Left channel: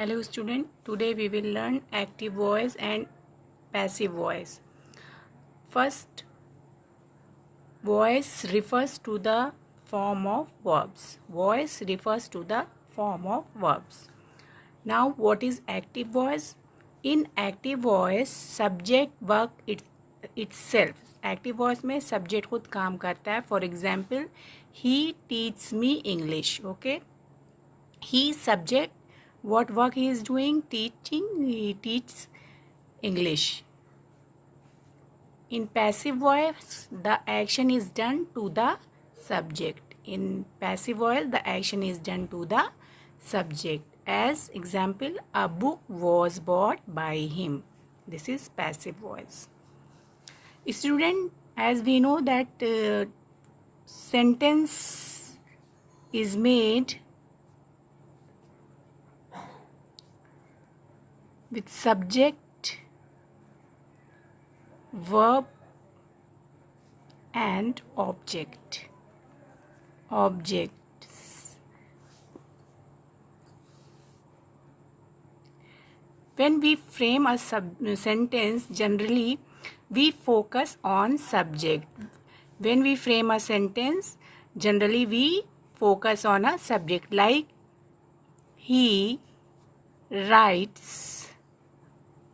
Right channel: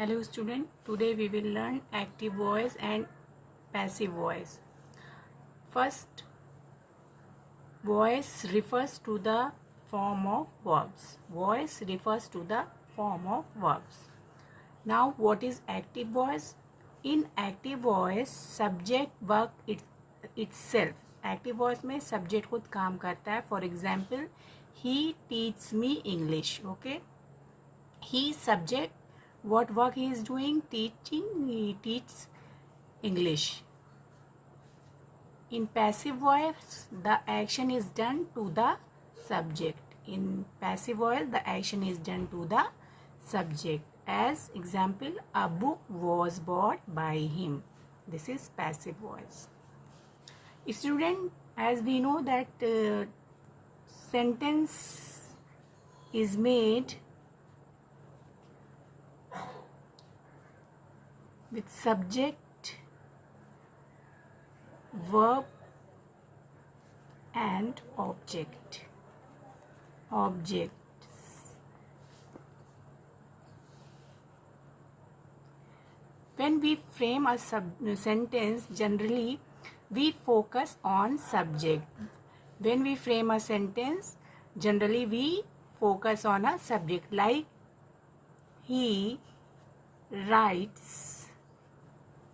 Hello student, today we will learn active voice and passive voice. First, voice refers to the form of verbs. Voice refers to the form of verbs. Now what is active voice? In active voice, subject work itself. Active voice में subject खुद काम करता है. For example, he teaches me English. Okay. He subject, what work he is doing? Teaching. He teaches English. In passive voice, the action is done to the subject. In passive voice, the action is done to the subject. As example, a book was bought by him. This is passive voice. Student, as we know that sentence is made with subject, verb and object. Objects. When we frame a sentence, generally we focus on subject. When we frame a sentence, generally we focus on a subject, like he writes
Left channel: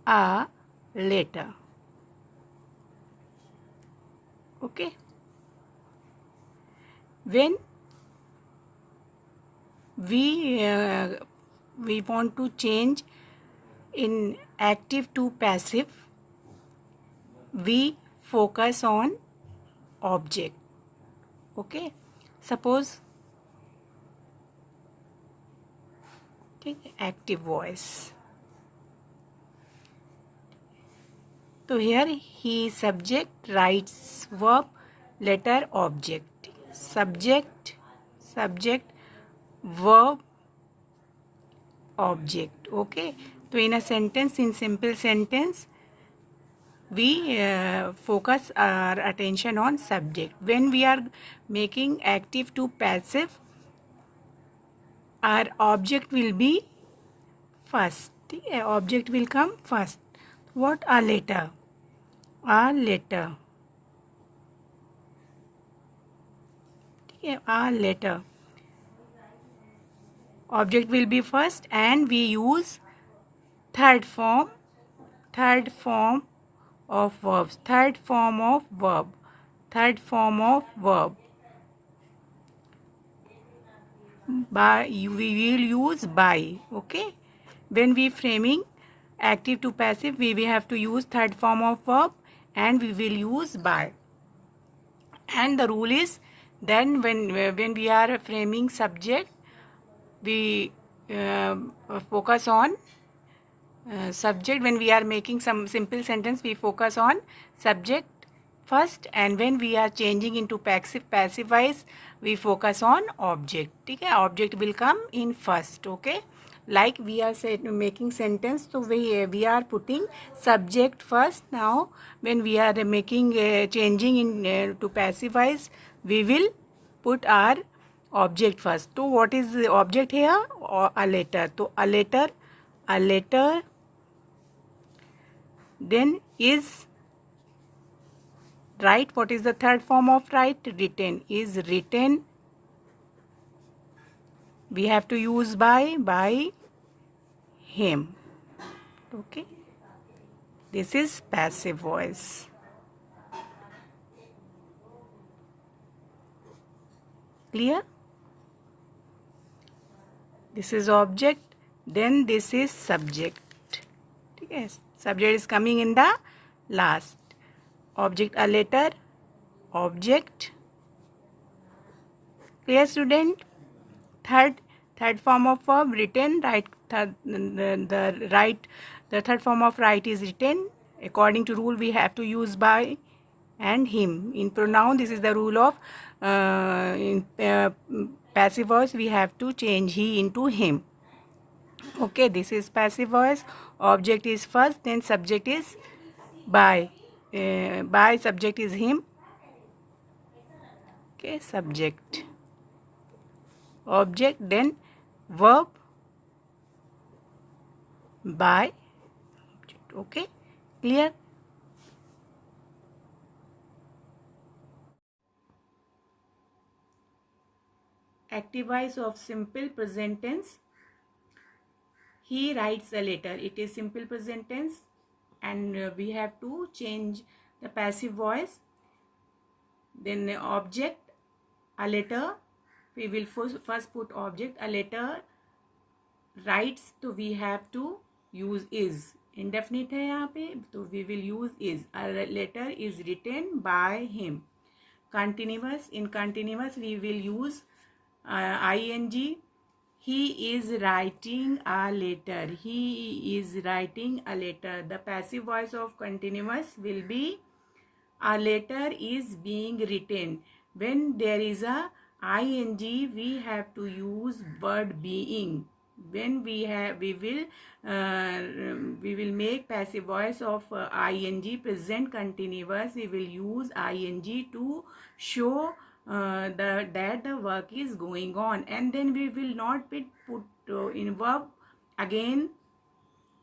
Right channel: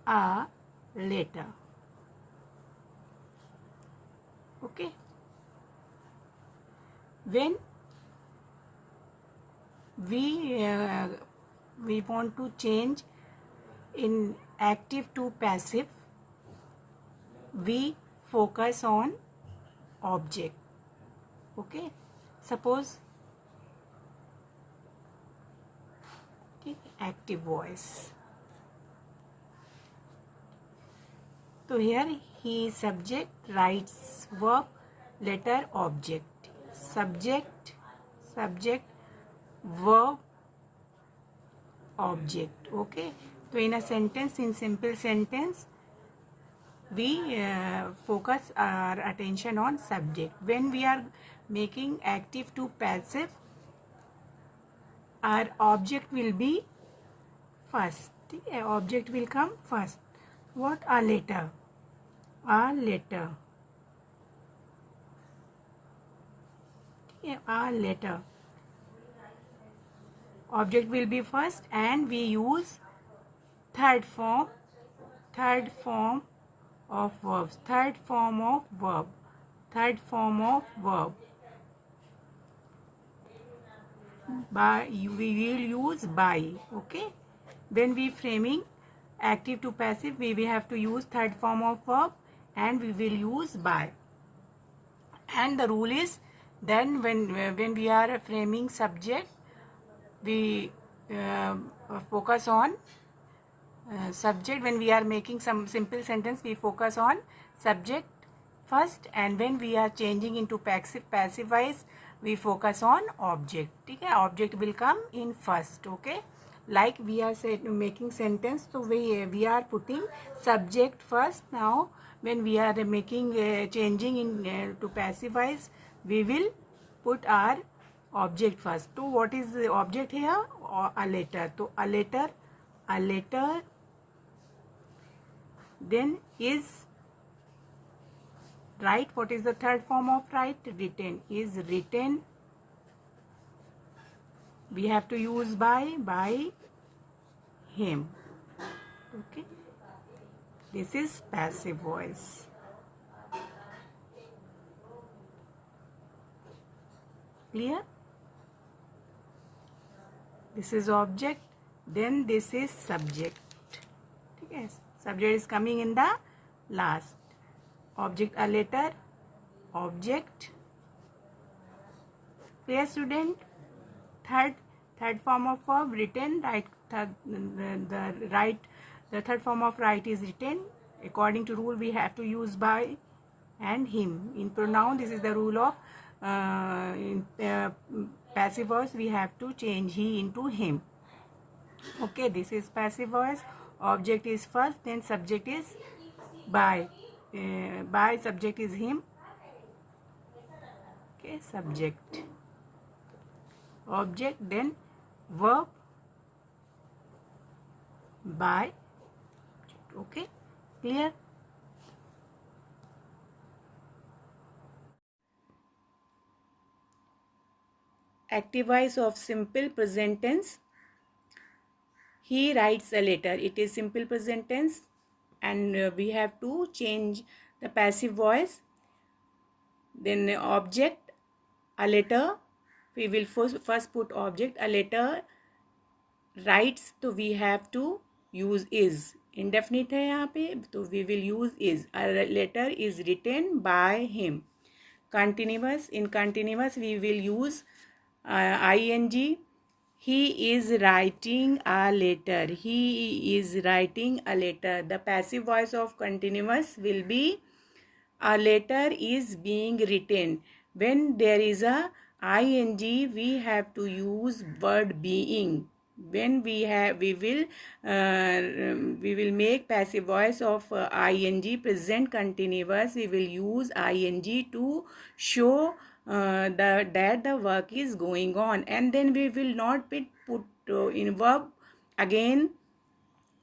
a letter. Okay. When we want to change in active to passive, we focus on object. Okay. Suppose active voice. So here he subject, writes, verb, letter, object. Subject, verb, object. Okay. So in a sentence, in simple sentence, we focus our attention on subject. When we are making active to passive, our object will be first. Object will come first. What? A letter. A letter. A letter. Object will be first, and we use third form of verbs. Third form of verb. By, we will use by. Okay. When we framing active to passive, we will have to use third form of verb, and we will use by. And the rule is, then when we are framing subject, we focus on subject. When we are making some simple sentence, we focus on subject first, and when we are changing into passive voice, we focus on object. Okay? Object will come in first. Okay. Like we are making sentence, so we are putting subject first. Now when we are making changing in to passive voice, we will put our object first. So what is the object here? Or a letter. So a letter then is write. What is the third form of write? Written. Is written. We have to use by him. Okay. This is passive voice. Clear? This is object, then this is subject. Yes. Subject is coming in the last. Object, a letter, object. Clear, student? Third form of verb, written. Right. The third form of write is written. According to rule, we have to use by and him. In pronoun, this is the rule of in passive voice, we have to change he into him. Okay, this is passive voice. Object is first, then subject is by. By, subject is him. Okay, subject, object, then verb, by object. Okay, clear? Active voice of simple present tense. He writes a letter. It is simple present tense, and we have to change the passive voice. Then object, a letter. We will first put object, a letter writes, तो we have to use is. Indefinite है यहाँ पे, तो we will use is. A letter is written by him. Continuous, in continuous we will use ing. He is writing a letter. He is writing a letter. The passive voice of continuous will be a letter is being written. When there is a ing, we have to use word being. When we will make passive voice of ing present continuous. We will use ing to show that the work is going on, and then we will not put in verb again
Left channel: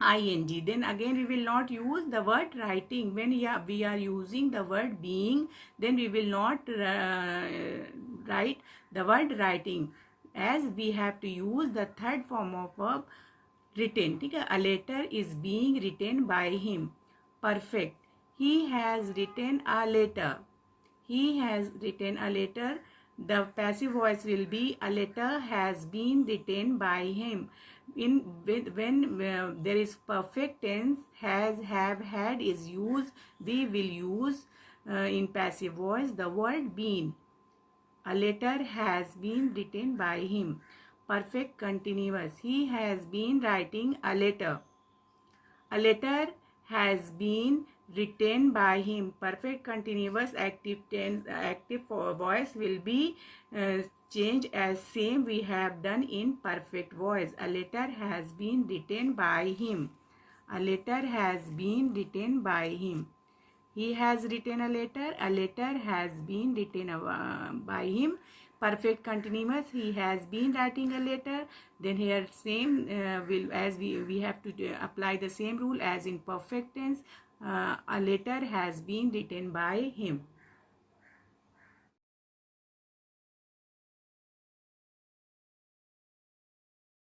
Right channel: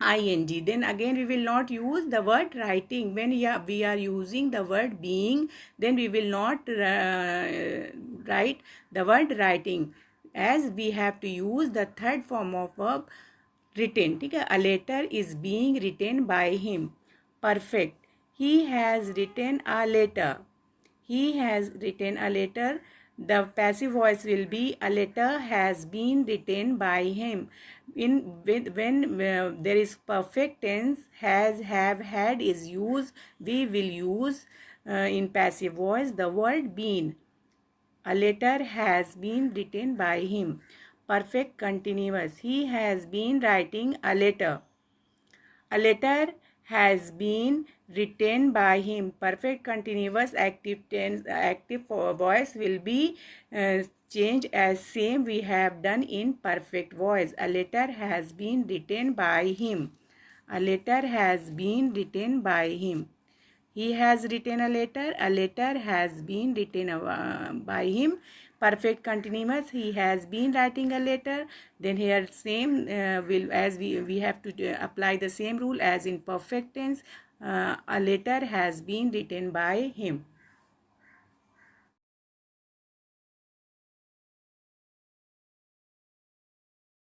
ing. Then again we will not use the word writing. When we are using the word being, then we will not write the word writing, as we have to use the third form of verb written. ठीक है, a letter is being written by him. Perfect. He has written a letter. He has written a letter. The passive voice will be a letter has been written by him. When there is perfect tense, has, have, had is used, we will use in passive voice the word been. A letter has been written by him. Perfect continuous. He has been writing a letter. A letter has been written by him. Perfect continuous active tense, active voice will be changed as same we have done in perfect voice. A letter has been written by him. A letter has been written by him. He has written a letter. A letter has been written by him. Perfect continuous. He has been writing a letter. Then here same will, as we have to apply the same rule as in perfect tense. A letter has been written by him.